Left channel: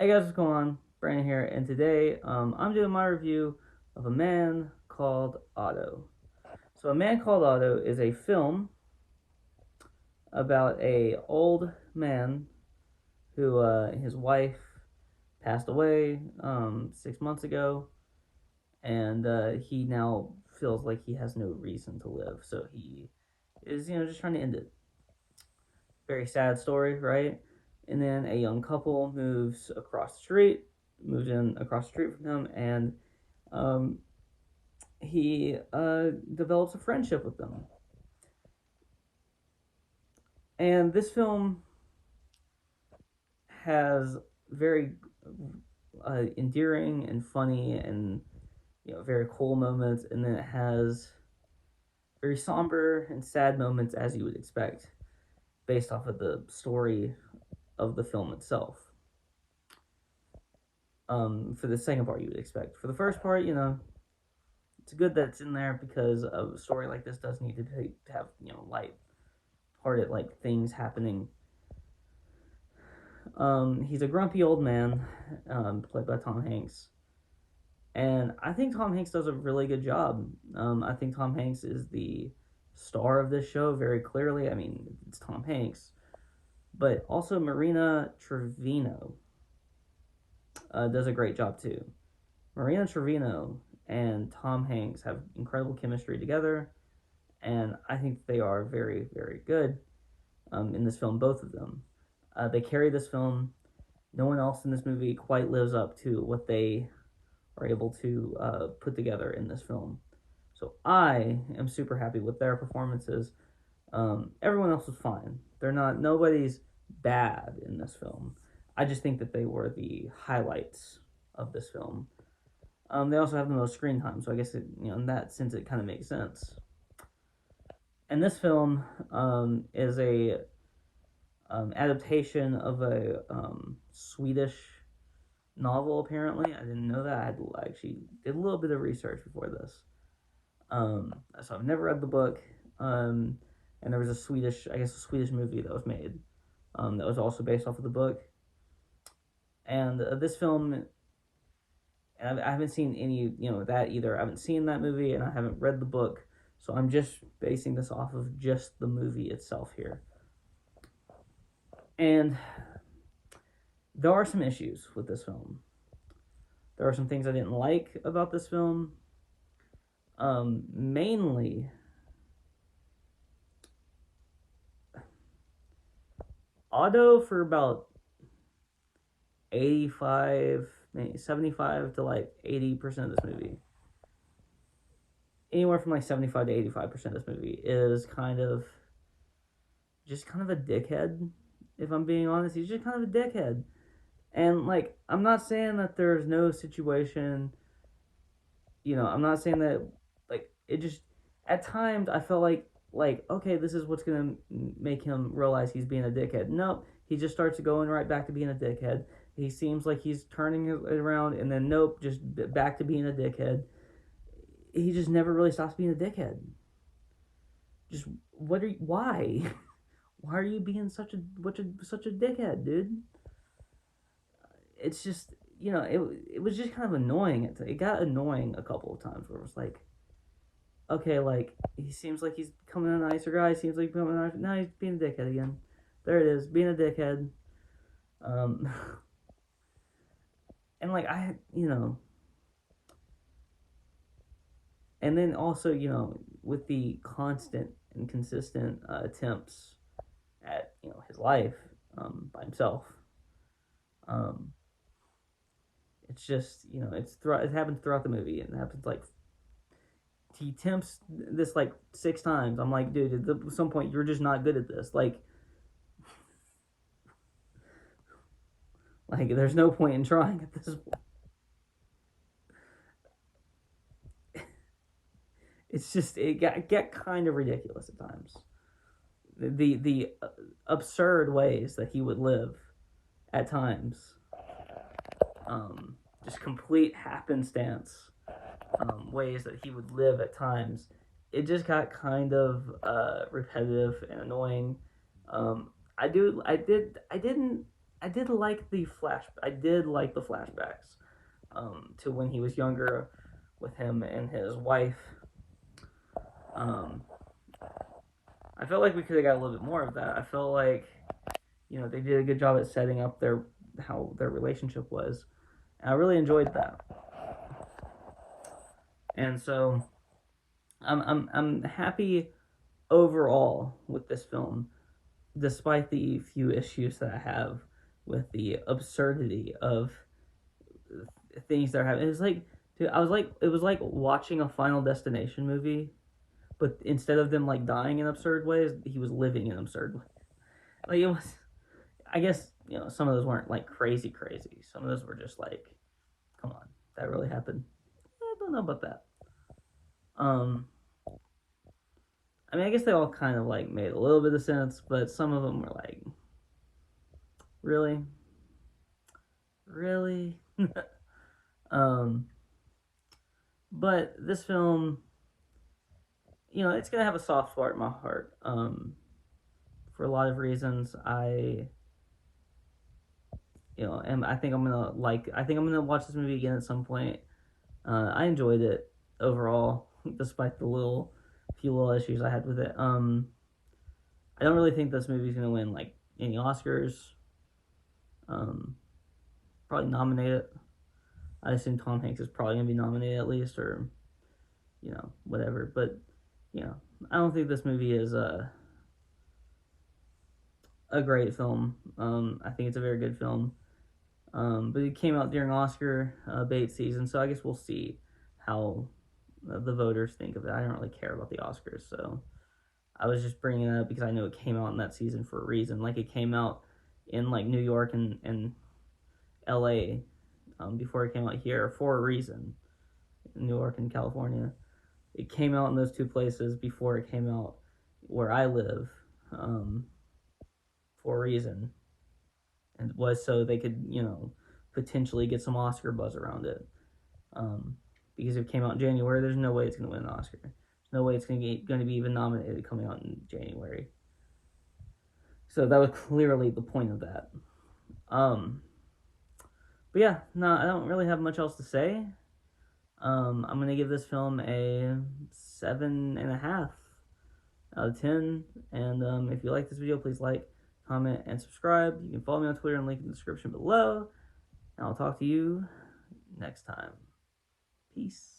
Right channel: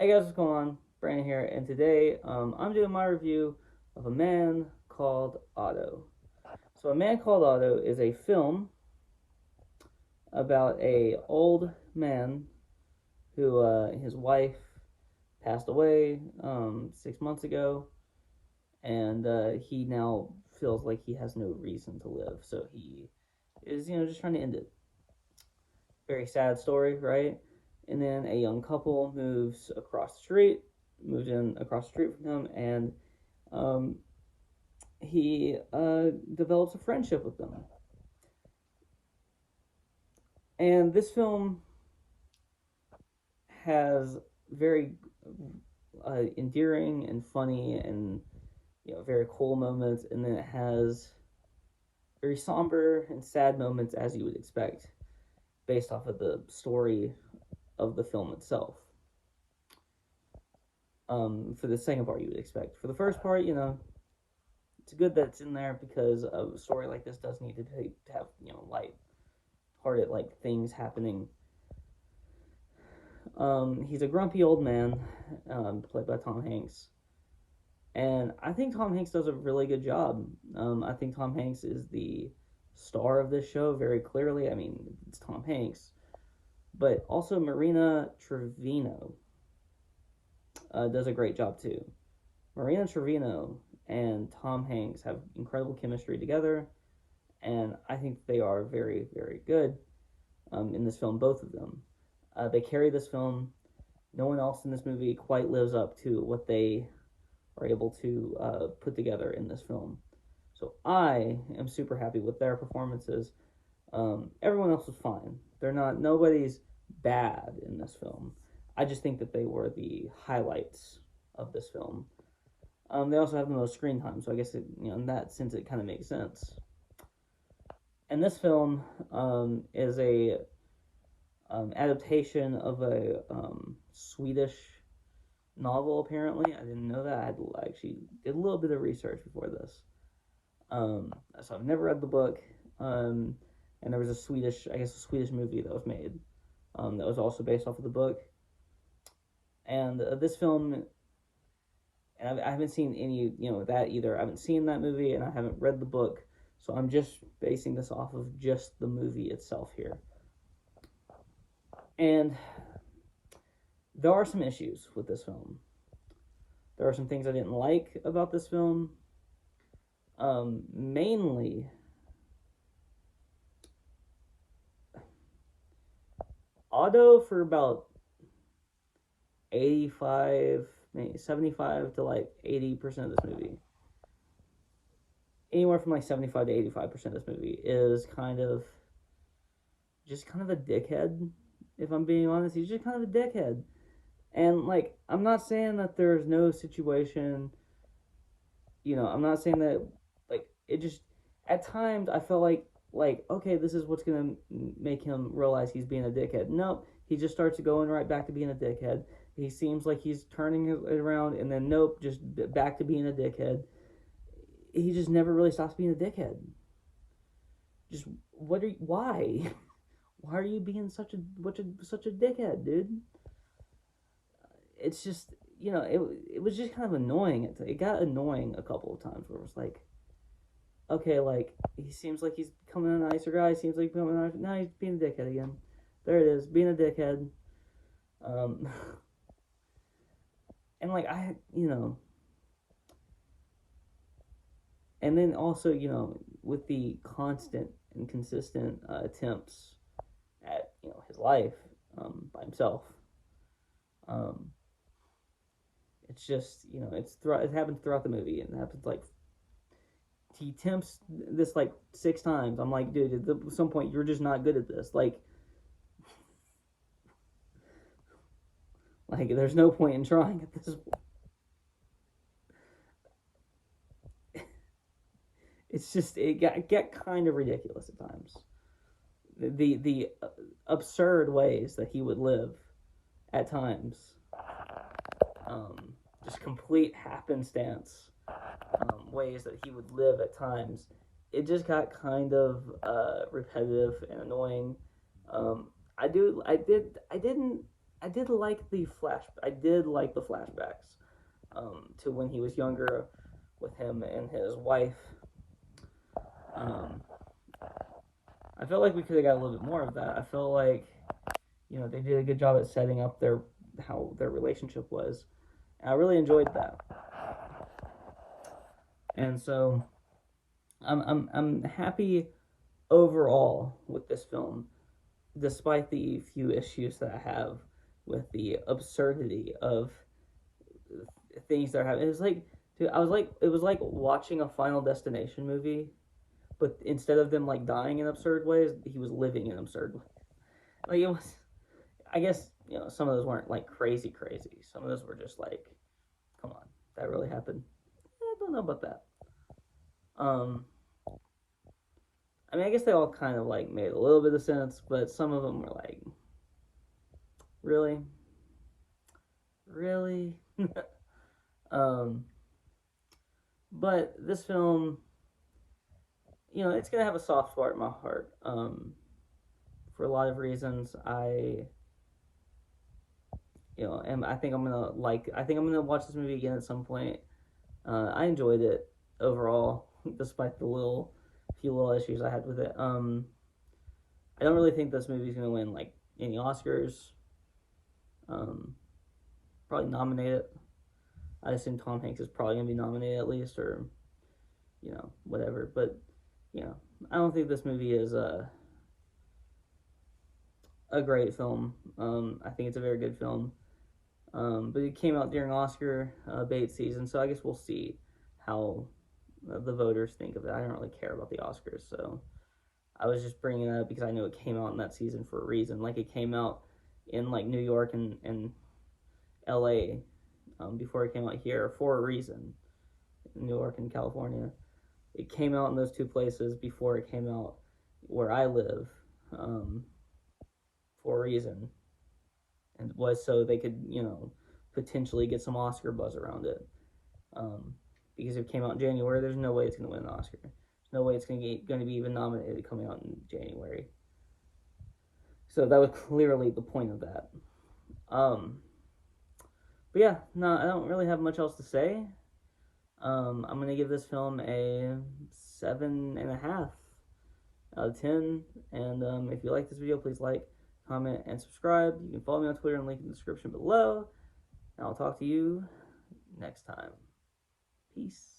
Hey guys, what's going on? Brandon here, and today I'm doing my review of A Man Called Otto. So, A Man Called Otto is a film about a old man who his wife passed away 6 months ago, and he now feels like he has no reason to live. So he is just trying to end it. Very sad story, right? And then a young couple moves in across the street from him, and um, he develops a friendship with them. And this film has very endearing and funny and very cool moments, and then it has very somber and sad moments as you would expect based off of the story of the film itself. For the second part, you would expect. For the first part, it's good that it's in there because a story like this does need to have light hearted like things happening. He's a grumpy old man, played by Tom Hanks, and I think Tom Hanks does a really good job. I think Tom Hanks is the star of this show very clearly. I mean, it's Tom Hanks, but also Marina Trevino does a great job too. Marina Trevino and Tom Hanks have incredible chemistry together, and I think they are very, very good in this film, both of them. They carry this film. No one else in this movie quite lives up to what they are able to put together in this film. So I am super happy with their performances. Everyone else was fine. Nobody's bad in this film. I just think that they were the highlights of this film. They also have the most screen time, so I guess in that sense it kind of makes sense. And this film is a adaptation of a Swedish novel. Apparently, I didn't know that. I actually did a little bit of research before this. So I've never read the book. And there was a Swedish movie that was made that was also based off of the book. And this film, and I haven't seen any, that either. I haven't seen that movie, and I haven't read the book. So I'm just basing this off of just the movie itself here. And there are some issues with this film. There are some things I didn't like about this film. Mainly, Otto for about 85, maybe 75 to like 80% of this movie. Anywhere from like 75 to 85% of this movie is kind of a dickhead. If I'm being honest, he's just kind of a dickhead. And like, I'm not saying that there's no situation. I'm not saying that like it just at times I felt like okay, this is what's gonna make him realize he's being a dickhead. No, he just starts going right back to being a dickhead. He seems like he's turning it around, and then nope, just back to being a dickhead. He just never really stops being a dickhead. Just why? Why are you being such a dickhead, dude? It's just it was just kind of annoying. It got annoying a couple of times where it was like, okay, like he seems like he's coming a nicer guy. Seems like he's becoming a nicer. Now he's being a dickhead again. There it is, being a dickhead. Um, and like and then also with the constant and consistent attempts at his life by himself. Um, it's just it happens throughout the movie, and it happens like he attempts this like 6 times. I'm like, dude, at some point you're just not good at this. Like there's no point in trying at this point. It's just it get kind of ridiculous at times. The absurd ways that he would live at times, just complete happenstance ways that he would live at times. It just got kind of repetitive and annoying. I didn't I did like the flashbacks to when he was younger with him and his wife. Um, I felt like we could have got a little bit more of that. I felt like they did a good job at setting up their how their relationship was. And I really enjoyed that, and so I'm happy overall with this film, despite the few issues that I have with the absurdity of things that are happening. It was like, dude, it was like watching a Final Destination movie, but instead of them like dying in absurd ways, he was living in absurd ways. Like it was, I guess some of those weren't like crazy crazy. Some of those were just like, come on, that really happened. I don't know about that. Um, I mean, I guess they all kind of like made a little bit of sense, but some of them were like, really, really. um, but this film, it's gonna have a soft spot in my heart. For a lot of reasons, and I think I'm gonna watch this movie again at some point. I enjoyed it overall, despite the few little issues I had with it. I don't really think this movie's gonna win like any Oscars. Um, Probably nominated. I assume Tom Hanks is probably gonna be nominated at least, or whatever. But I don't think this movie is a great film. I think it's a very good film. But it came out during Oscar bait season, so I guess we'll see how the voters think of it. I don't really care about the Oscars, so I was just bringing it up because I know it came out in that season for a reason. Like it came out in like New York and L.A. Before it came out here for a reason. New York and California. It came out in those two places before it came out where I live for a reason, and was so they could potentially get some Oscar buzz around it. Um, because if it came out in January, there's no way it's going to win an Oscar. There's no way it's going to be even nominated coming out in January. So that was clearly the point of that. But yeah, no, I don't really have much else to say. I'm going to give this film a 7.5 out of 10. And if you like this video, please like, comment, and subscribe. You can follow me on Twitter and link in the description below. And I'll talk to you next time. Peace.